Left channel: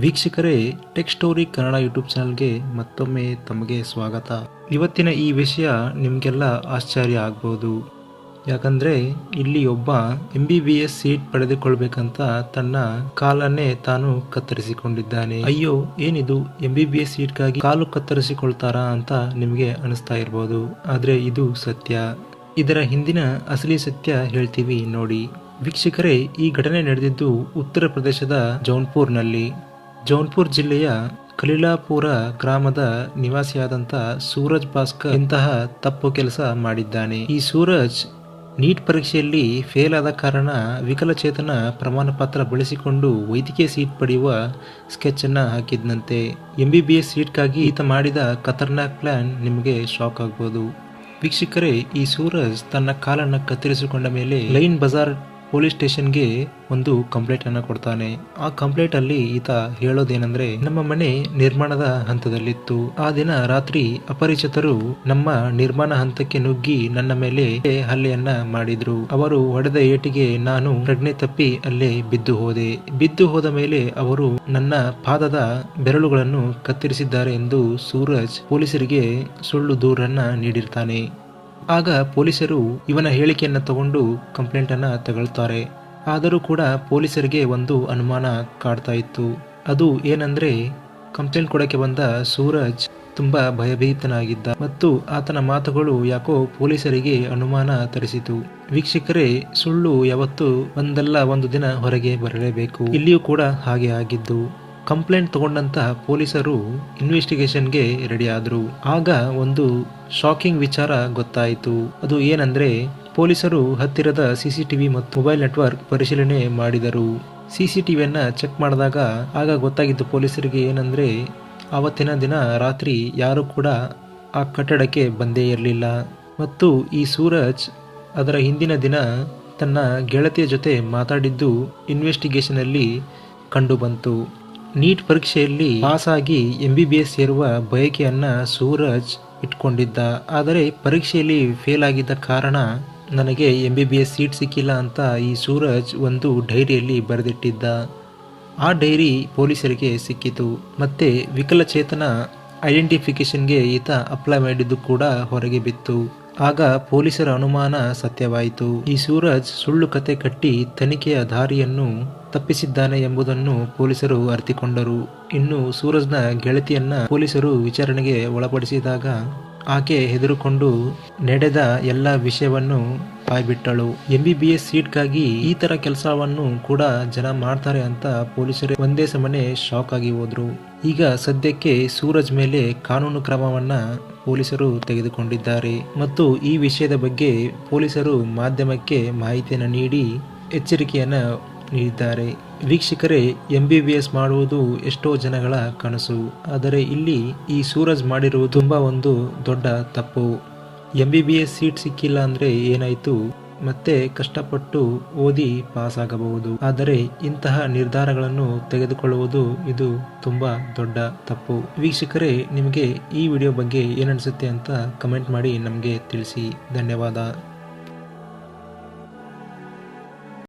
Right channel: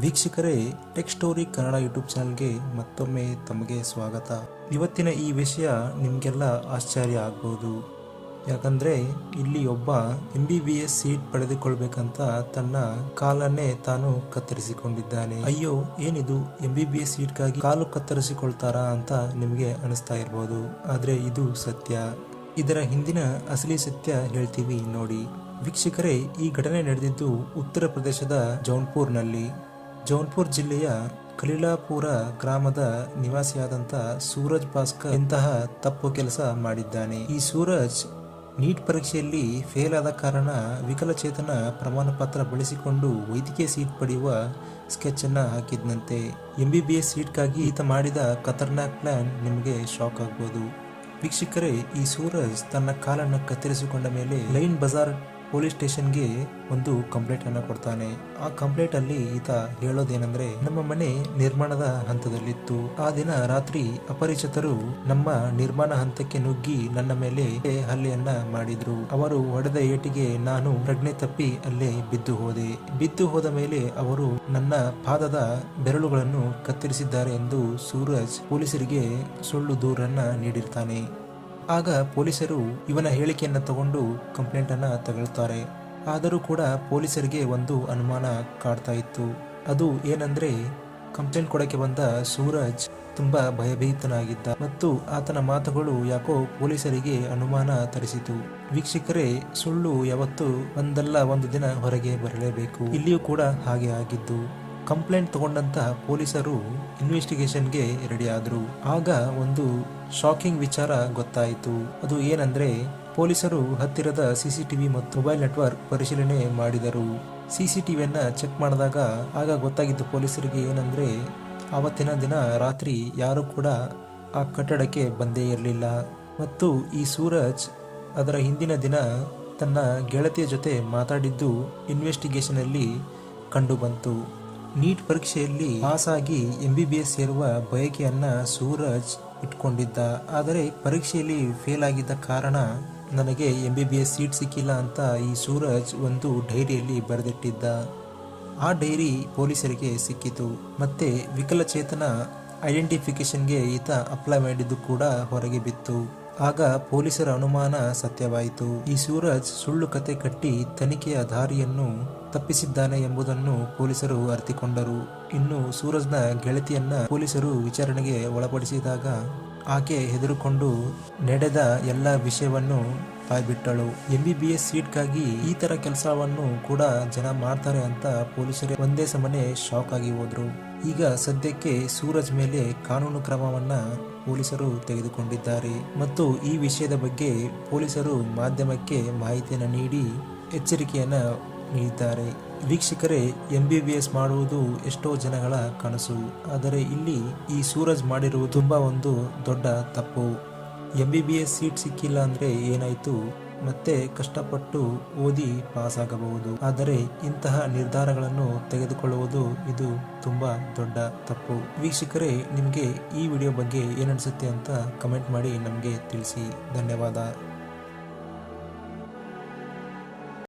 ವೀಕ್ಷಕರೇ, tech story Kannada YouTube ಚಾನಲ್ಗೆ ಮತ್ತೊಮ್ಮೆ ತಮಗೆ ಸ್ವಾಗತ. ಇವತ್ತಿನ ಈ ವಿಷಯ ನಿಮಗೆಲ್ಲ ಆಶ್ಚರ್ಯ ಆಗ್ಬೋದು. ಯಾಕಂದರೆ ಇಲ್ಲಿ ಒಬ್ಬ MBBS ಸೀಟ್ ಪಡೆದುಕೊಳ್ಬೇಕಂತ ತನ್ನ ಕಾಲನ್ನೇ ತಾನು ಕತ್ತರಿಸಿಕೊಂಡಿದ್ದಾನೆ. ಅಯ್ಯೋ, ಏನಿದು MBBS ಸೀಟ್ಗಾಗಿ ಕಾಲು ಕತ್ತರಿಸಿಕೊಳ್ತಾರಾ ಅಂತ ನಿಮಗೆ ಅನಿಸ್ತಾ ಇರ್ಬೋದು. ಆದರೆ ಇದು ಸತ್ಯ. ಇದರ ಹಿಂದಿನ ಅಸಲಿ ಸತ್ಯ ಹೇಳ್ತೀವಿ ನೋಡಿ. ವೀಕ್ಷಕರೇ, ಈ ಘಟನೆ ನಡೆದಿದ್ದು ಉತ್ತರ ಪ್ರದೇಶದ ಜೌನ್ಪುರ್ನಲ್ಲಿ. ಜೌನ್ಪುರ್ ಜಿಲ್ಲೆಯ ಖಲೀಲಾಪುರ ಗ್ರಾಮದ ನಿವಾಸಿಯಾದಂಥ ಸೂರಜ್ ಭಾಸ್ಕರ್ ಇಂತಹ ತಪ್ಪು ಕೆಲಸ ಮಾಡಿದ್ದಾನೆ. ಈ ಸೂರಜ್ ನೀಟ್ ಪರೀಕ್ಷೆಯಲ್ಲಿ ಫೇಲ್ ಆದ ಕಾರಣ ವಿಕಲಚೇತನ ಪ್ರಮಾಣ ಪತ್ರ ಬಳಸಿಕೊಂಡು ವೈದ್ಯಕೀಯ ಸೀಟ್ ಪಡೆಯುವ ಸ್ಕೆಚ್ ಅನ್ನ ಹಾಕಿದ್ನಂತೆ. MBBS ಸೀಟ್ಗಾಗಿ ಈತ ಮಾಡಿದ ಖತರ್ನಾಕ್ ಪ್ಲಾನ್ ನಿಮಗೆ ಶಾಕ್ ಆಗ್ಬೋದು. ವೀಕ್ಷಕರೇ, ಈ ಸೂರಜ್ ತನ್ನ ಕಾಲನ್ನು ಕತ್ತರಿಸಿಕೊಂಡ ಮೇಲೆ ಲೈನ್ ಬಜಾರ್ ಪೊಲೀಸ್ ಸ್ಟೇಷನ್ಗೆ ಒಂದು ಕಂಪ್ಲೇಂಟ್ ಅನ್ನು ಕೊಡ್ತಾನೆ. ಆ ಕಂಪ್ಲೇಂಟ್ ಅಲ್ಲಿ ಈತ ಹೇಳೋದೇನೆಂದ್ರೆ, ನಮ್ಮ ಮನೆ ನಿರ್ಮಾಣದ ಹಂತದಲ್ಲಿತ್ತು. ಆ ದಿನ ರಾತ್ರಿ ಅಪರಿಚಿತರು ನಮ್ಮ ನಿರ್ಮಾಣ ಹಂತಕ್ಕೆ ನುಗ್ಗಿ ನನ್ನ ಮೇಲೆ ಹಲ್ಲೆಯನ್ನ ಮಾಡಿದ್ರು. ಅವರು ಹೊಡೆದ ಏಟಿಗೆ ನಾನು ಪ್ರಜ್ಞೆ ತಪ್ಪಿ ಅಲ್ಲೇ ಬಿದ್ದು ಹೋದ ಮೇಲೆ ಅವರು ನನ್ನ ಪಾದದ ಬೆರಳುಗಳನ್ನು ಕತ್ತರಿಸಿದ್ದಾರೆ ಎಂದು ಸೂರಜ್ ಪೊಲೀಸರಿಗೆ ಸುಳ್ಳು ದೂರನ್ನ ನೀಡಿರ್ತಾನೆ. ಆಗ ಪೊಲೀಸರು ಇವನ ಹೇಳಿಕೆಯನ್ನು ತಗೊಂಡು ಕಂಪ್ಲೇಂಟ್ ಅನ್ನ ತಗೊಳ್ತಾರೆ. ಆದರೂ ಕೂಡ ಪೊಲೀಸರಿಗೆ ಒಂದು ಅನುಮಾನ ಕಾಡ್ತಾ ಇತ್ತು. ಅದು ಏನಂದ್ರೆ, ಕಂಪ್ಲೇಂಟ್ ಕೊಡಕ್ಕೆ ಬಂದ ಸೂರಜ್ ತುಂಬಾ ಭಯಭೀತನಾಗಿದ್ದ ಮತ್ತು ಆತನ ಮಾತುಗಳು ಯಾಕೋ ಪೊಲೀಸರಿಗೆ ಅನುಮಾನ ತರಿಸಿತು. ವೀಕ್ಷಕರೇ, ಸುಳ್ಳು ಯಾವತ್ತು ಒಂದಲ್ಲ ಒಂದು ದಿನ ಹೊರಗೆ ಬರಲೇಬೇಕು. ಇಲ್ಲಿಯೂ ಕೂಡ ಹಾಗೆ ಆಗಿದ್ದು. ಕಂಪ್ಲೇಂಟ್ ತಗೊಂಡಂತ ಪೊಲೀಸರು ಇನ್ವೆಸ್ಟಿಗೇಷನ್ಗೆ ರೆಡಿ ಆದ್ರು. ಆಗ ಒಂದು ಶಾಕಿಂಗ್ ವಿಚಾರ ಗೊತ್ತಾಯಿತು. ಅದು ಏನಂದ್ರೆ, ಪೊಲೀಸರು ಹತ್ತಿರದ CCTV ಮತ್ತು ಮೊಬೈಲ್ ನೆಟ್ವರ್ಕ್ ಪರಿಶೀಲನೆ ಮಾಡಿದರು. CCTVಯನ್ನ ಚೆಕ್ ಮಾಡಿದಾಗ ಆಗ ಗೊತ್ತಾಗಿದ್ದು ಪೊಲೀಸರಿಗೆ ಏನಂದ್ರೆ, ಆವತ್ತಿನ ದಿನ ರಾತ್ರಿ ಯಾರು ಕೂಡ ಆ ಕಟ್ಟಡಕ್ಕೆ ಬಂದೇ ಇರಲಿಲ್ಲ. ಮತ್ತು ಈ ಸೂರಜ್ ಅದರ ಹಿಂದಿನ ದಿನ ತನ್ನ ಗೆಳತಿಯ ಜೊತೆ ಮಾತಾಡಿದ್ದು ಇನ್ವೆಸ್ಟಿಗೇಷನ್ ಅಲ್ಲಿ ಕಂಡು ಬಂತು. ನೀಟ್ ಪರೀಕ್ಷೆಯಲ್ಲಿ ಪಾಸ್ ಆಗಿ MBBS ಸೇರುವ ಬಯಕೆಯನ್ನ ಸೂರಜ್ ಇಟ್ಕೊಂಡಿದ್ದ. ಆದರೆ ಪರೀಕ್ಷೆಯಲ್ಲಿ ಫೇಲ್ ಆಗಿದ್ದ ಕಾರಣ ನನಗೆ MBBS ಸೀಟ್ ಸಿಕ್ಕಿಲ್ಲ ಅಂತ ಈ ಸೂರಜ್ ಒಂದು ಡೈರಿಯಲ್ಲಿ ಬರೆದಿಟ್ಟಿದ್ದ. ಆ ಡೈರಿ ಪೊಲೀಸರಿಗೆ ಸಿಕ್ಕಿತು. ಮತ್ತೆ ವಿಕಲಚೇತನ ಐಡೆಂಟಿಫಿಕೇಶನ್ಗೆ ಈತ ಅಪ್ಲೈ ಮಾಡಿದ್ದು ಕೂಡ ಹೊರಗೆ ಬಿತ್ತು. ಆಗ ಪೊಲೀಸರ ಅನುಮಾನ ಸತ್ಯವಾಯಿತು. ಈ ಸೂರಜ್ ಸುಳ್ಳು ಕತೆ ಕಟ್ಟಿ ತನಿಖೆಯ ದಾರಿಯನ್ನು ತಪ್ಪಿಸಿದ್ದಾನೆ ಎಂಬುದನ್ನು ಪೊಲೀಸರು ಅರಿತುಕೊಂಡರು. ಇನ್ನು ಸೂರಜ್ನ ಗೆಳತಿಯನ್ನ ಪೊಲೀಸರು ವಿಚಾರಣೆಗೆ ಒಳಪಡಿಸಿದಾಗ ಆಕೆ ಹೆದರುಕೊಂಡು ನಡೆದ ಎಲ್ಲ ವಿಷಯವನ್ನು ಬಾಯ್ಬಿಟ್ಟಳು. MBBS ಸೀಟ್ಗಾಗಿ ಈ ತರ ಕೆಲಸವನ್ನು ಕೂಡ ಜನ ಮಾಡ್ತಾರೆ ಅಂತ ಪೊಲೀಸರೇ ಒಂದೇ ಸಮನೆ ಶಾಕ್ ಆಗಿ ಹೋದ್ರು. ಈಗ ಸದ್ಯಕ್ಕೆ ಸೂರಜ್ ಮೇಲೆ ಕಾನೂನು ಕ್ರಮವನ್ನ ಪೊಲೀಸರು ತೆಗೆದುಕೊಂಡಿದ್ದಾರೆ ಮತ್ತು ಈ ವಿಷಯದ ಬಗ್ಗೆ ಪೊಲೀಸರು ಮಾಧ್ಯಮಕ್ಕೆ ಮಾಹಿತಿಯನ್ನು ನೀಡಿ ಎಚ್ಚರಿಕೆಯನ್ನ ನೀಡಿದ್ದಾರೆ. ವೀಕ್ಷಕರೇ, MBBS ಮಾಡುವುದು ಎಷ್ಟೋ ಜನಗಳ ಕನಸು. ಆದರೆ ಇಲ್ಲಿ ಈ ಸೂರಜ್ ಮಾಡಿರುವುದು ತುಂಬಾ ಒಂದು ದೊಡ್ಡ ತಪ್ಪು. MBBS ಸೀಟ್ ಸಿಕ್ಕಿಲ್ಲ ಅಂದ್ರೆ ಏನಾಯ್ತು, ಮತ್ತೆ ಕಷ್ಟಪಟ್ಟು ಓದಿ ಪಾಸ್ ಆಗಬಹುದು. ಆದರೆ ಇಂತಹ ನಿರ್ಧಾರಗಳನ್ನು ತೆಗೆದುಕೊಳ್ಳುವುದು ಇದು ತುಂಬಾ ದೊಡ್ಡ ತಪ್ಪು. ವೀಕ್ಷಕರೇ, ನಿಮಗೆ ಈ ವಿಡಿಯೋ ಬಗ್ಗೆ ಏನನ್ಸುತ್ತೆ ಅಂತ ಕಮೆಂಟ್ ಮಾಡಿ ನಮಗೆ ತಿಳಿಸಿ. ಧನ್ಯವಾದ.